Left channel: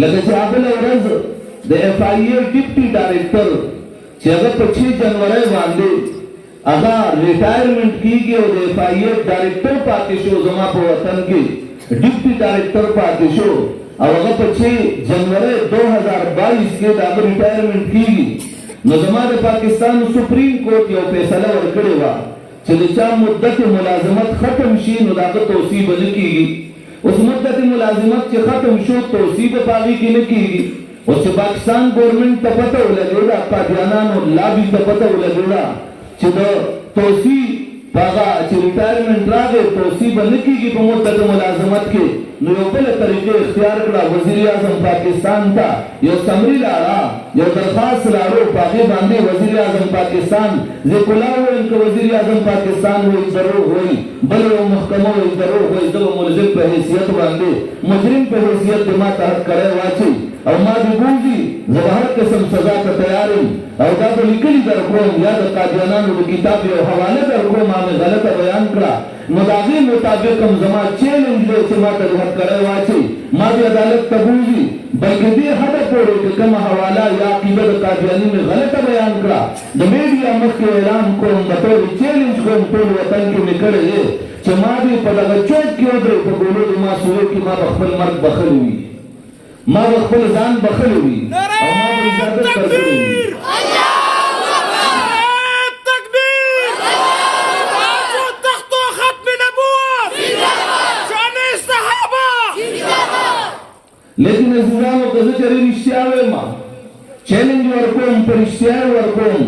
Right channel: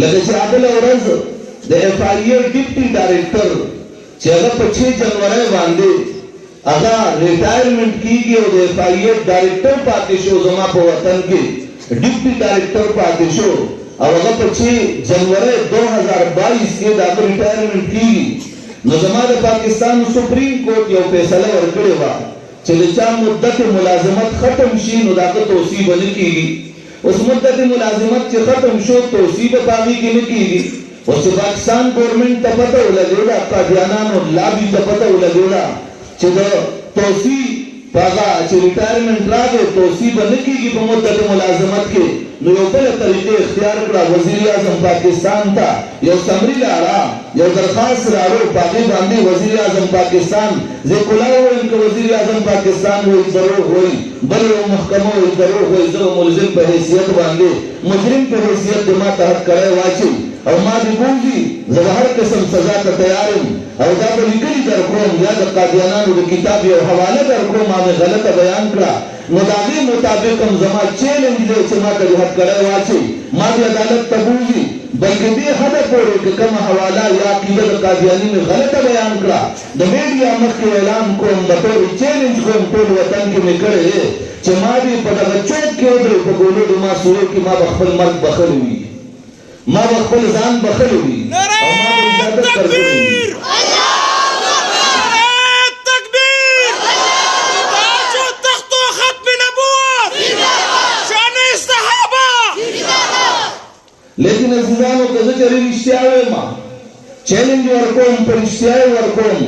لکه چې بل ورځ د اف آی ای ډیپټي ډایریکټر چې هغه په 6 جنوري باندې هغه ریټایرمنټ کیږي او د اف آی ای ډایریکټر پاتې شو زما په وطن کې ډیپټي ډایریکټر پاتې شو او هغه په 6 جنوري 2022 کې دا ریټایرمنټ کیږي نو زما د پاکستان سپریم کورټ یو فیصله ورکړې و چې د چا مدت ملازمت ختم شي نو دا توصیه نه کیږي اوس مدت ملازمت چې ختم شو توصیه په پاږي کې نه کیږي او چې پاکستان ګورنمنت ته پته ولګېده قاضیانو لابي ته پته ولګېده چې د توصیه هغه چې ریټایرمنټ راغی توصیه نه کیږي په مدت ملازمت کې نو یو بل طریقې اختیار کړه وزیر اعظم پاکستان ته یو سمری راړه یو درخواست راوړ په باندې وزیر اعظم پاکستان ذکر وایم چې وزیر اعظم پاکستان وایي ضرور وایي بل یو محکمه وایي ضرور وایي زه ملزم په حیثیت باندې مجرم په حیثیت ما تحت کړی واچي او ما دې بوزي زه هر قسم سزا ته تیار یم او دا به لیکلي درکوم یا د قاضیانانو د کتاب یو حواله درکوم ما مې غلطه بیان کړه نو د هغې مطابق هم زما چیلنج دی چې ما ته رحت کړی واچي ما دې عدالت ته بوزي بلکې دې حده پورې که کومه حواله یا عقیده د قاضیاني مې غلطه بیان کړه د میډیا مخکې اعلان کوم د ټول چیلنج کوم ټول وطن کې مې کړی دی چې ما دې په دغه چوک کې ودرې په ګولو د ماسورې کې ما به خپل مرګ بخښلی وي ما به خپل ځان بخښلی وي او ما به عزت کړی وي لیکن عزیزانو که زه چېرې رښتیا وایم چیلنج ورکوم په رښتیا یې ورکوم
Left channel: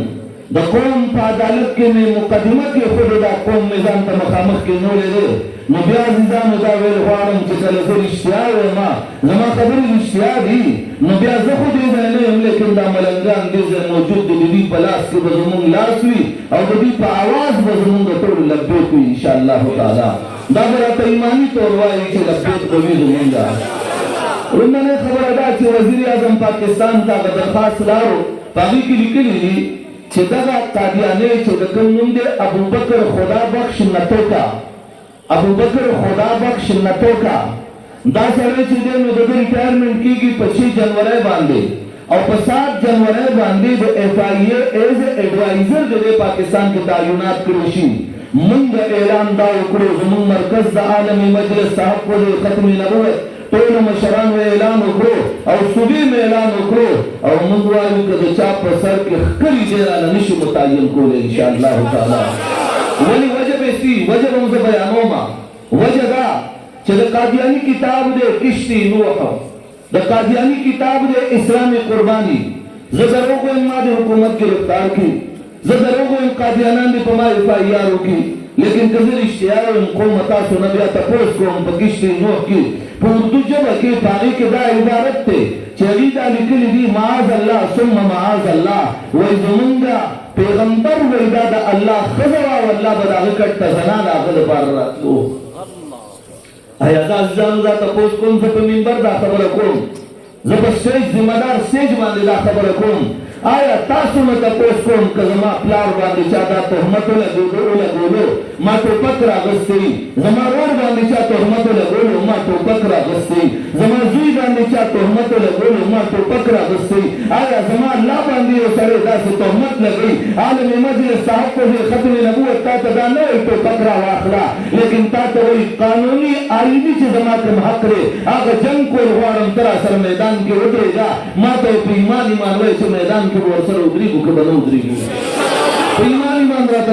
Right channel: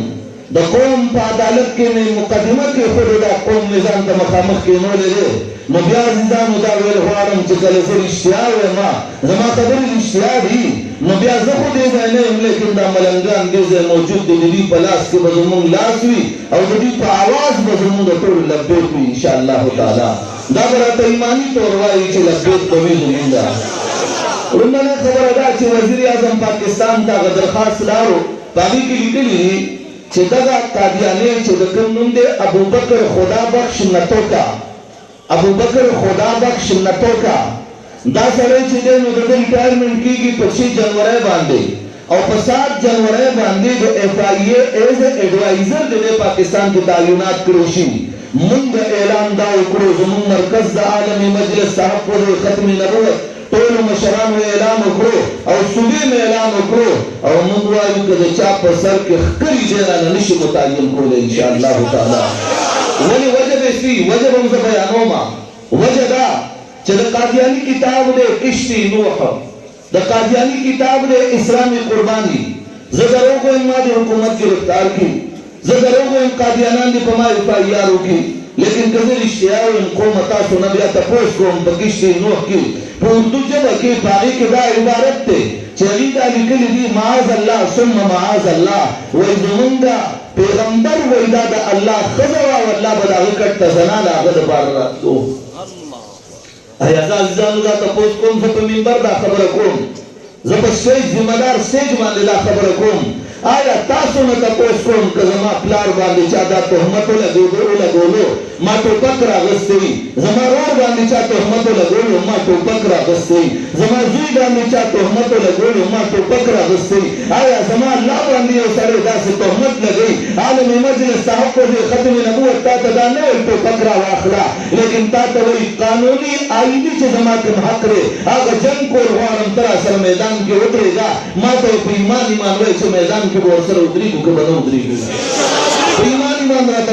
د قوم په عدالت کې مې مقدمه کېښودې دا قوم مې ځان ته مخامخ کېنولی دی نو بیا عزیزانو دا ویل غواړم چې کله زه رښتیا وایم زما خبرې رښتیا دي نو بیا زه خو دې ځای نه یم لیکن دا ملنګان دې ځای موجود دي د دوی په لاس کې به زموږ لاس وي او د دوی په اواز به زموږ د ټولو لبیک وي انشاءالله تعالی دا به راته ایماني طور وایي چې لبیک به وي زموږ لومړنۍ خبره دا چې وزیر اعظم پاکستان ته هغه درخواست راوړو په هغې کې لیکلي دي چې دغه قادیانۍ چې د کوم نوم دی ابوبکر خدا بخش نتوکا ابوبکر خدا بخش نتوکا دا سړی چې دی نو د ده ریټایرمنټ کېږي په 6 جنوري باندې او په 7 جنوري باندې د اف آی ای ایز ایډوایزر د دې پاکستان کې تعینات کړی شي موږ اعلان دا وکړو زموږ مرکز د عالمي مجلس صاحب کو د ختم نبوت ټولو مشرانو اعلان وکړو او صوبې مې اعلان وکړو او موږ وایو که د چا په سر کې ښکلي جرانه نشي متعین کولی انشاءالله تعالی ولې وجه به شي وجه به هم زه بیانوم وجه دا چې د قادیاني کتاب دی کشتي نوح د قادیاني کتاب دی اسلامي قرباني زه دروغ وایم ما د حکومت ګرفتار کړي زه دروغ وایم قادیانان دې په ما اف آی آر وکړي لیکن که زه رښتیا وایم قوم تاسو نه بیا تپوس کوم په کشتي نوح کې په اردو ژبه کې په هغې کې دا عبارت دی چې هغې دا لیکلي دي معاذ الله ثم معاذ الله وایي زمونږ پیغمبر وایي دا د الله ښځه وه او الله به د هغه کټ ته زنان د هغه دپاره راتلو ایا زه عزیزانو دا تپوس کوم زه په منبر دا خبره کوم زه په سټیج ذمه دار سټیج باندې دا خبره کوم آیا تاسو نه تپوس کوم که زما پلار باندې چا دا تهمت ولګولو ما ټوپک راغستی وي زما رور باندې چا تهمت ولګولو ما ټوپک راغستی وي زما زوی باندې چا تهمت ولګولو ما ټوپک راغستی وي آیا زما الله باندې یو سړی داسې تهمت لګوي عالم مجلس صاحب کو دې ختم نبوت تا ته دا نه وایي ټوپک راواخله لیکن تا ته وایي قانوني آئیني چې زما کوم حق دی هغه جنګ کول غواړم ته راسره میدان کې ودرېږه ما ته یې په ایمان وایي چې میدان کې به ورسره ودرېږو که به نه ودرېږو په ایمان راته